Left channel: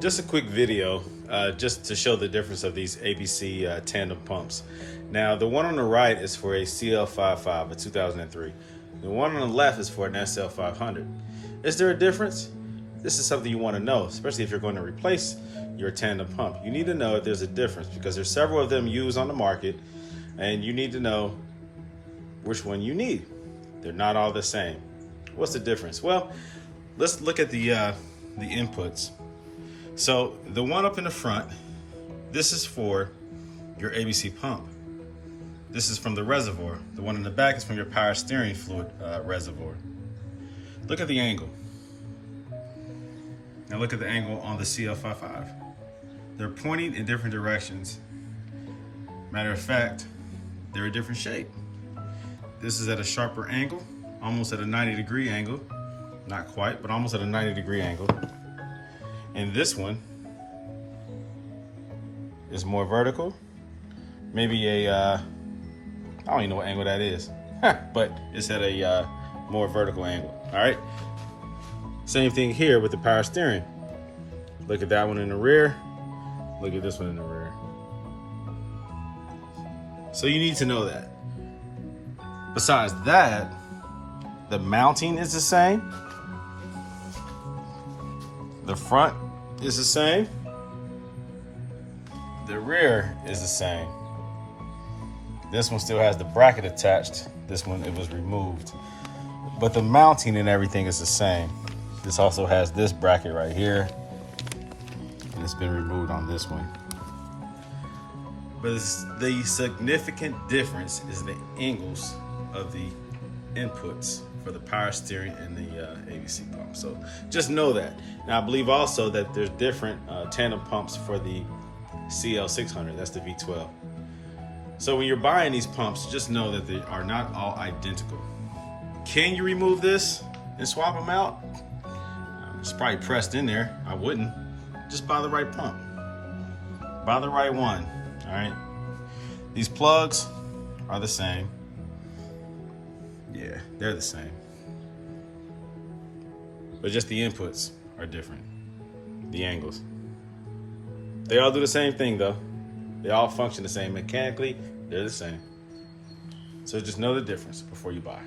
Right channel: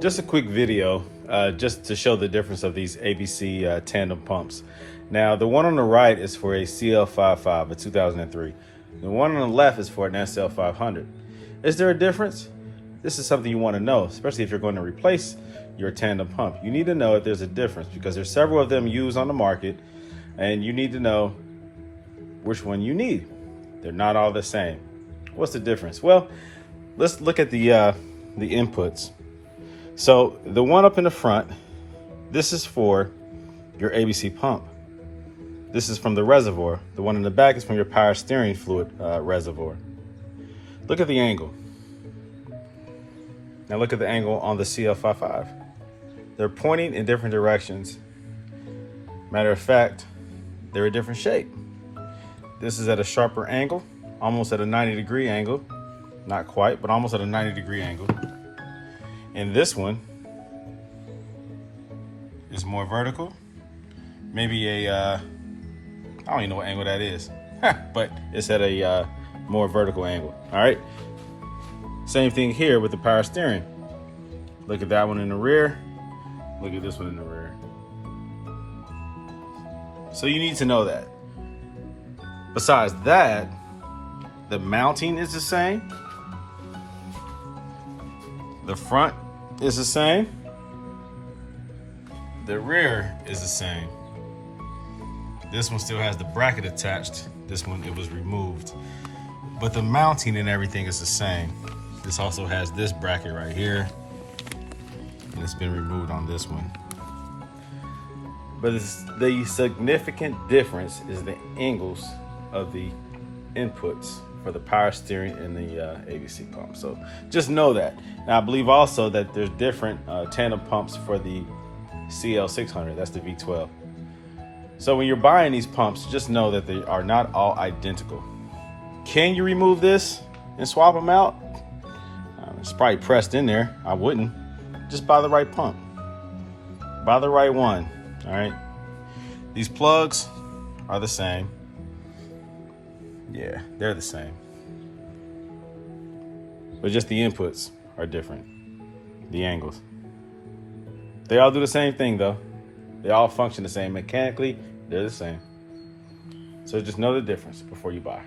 Just a quick video just to show the difference of these ABC tandem pumps. Now, the one on the right is for a CL500, a 2003. The one on the left is for an SL500. Is there a difference? This is something you want to know, especially if you're going to replace your tandem pump. You need to know if there's a difference because there's several of them used on the market, and you need to know which one you need. They're not all the same. What's the difference? Well, let's look at the inputs. So the one up in the front, this is for your ABC pump. This is from the reservoir. The one in the back is from your power steering fluid reservoir. Look at the angle. Now look at the angle on the CL500. They're pointing in different directions. Matter of fact, they're a different shape. This is at a sharper angle, almost at a 90-degree angle. Not quite, but almost at a 90-degree angle. And this one is more vertical. Maybe a, I don't even know what angle that is, but it's at a more vertical angle, all right? Same thing here with the power steering. Look at that one in the rear. Look at this one in the rear. So you need to know that. Besides that, the mounting is the same. The front is the same. The rear is the same. This one still has the bracket attached. This one, it was removed. But the mounting and everything is the same. This also has this bracket right here, and it's been removed on this one. But the significant difference is the angles of the inputs for the power steering and the ABC pump. So just know that. Now I believe also that there's different tandem pumps for the CL600, that's the V12. So when you're buying these pumps, just know that they are not all identical. Can you remove this and swap them out? It's probably pressed in there. I wouldn't. Just buy the right pump. Buy the right one, all right? These plugs are the same. Yeah, they're the same. But just the inputs are different. The angles. They all do the same thing though. They all function the same. Mechanically, they're the same. So just know the difference before you buy.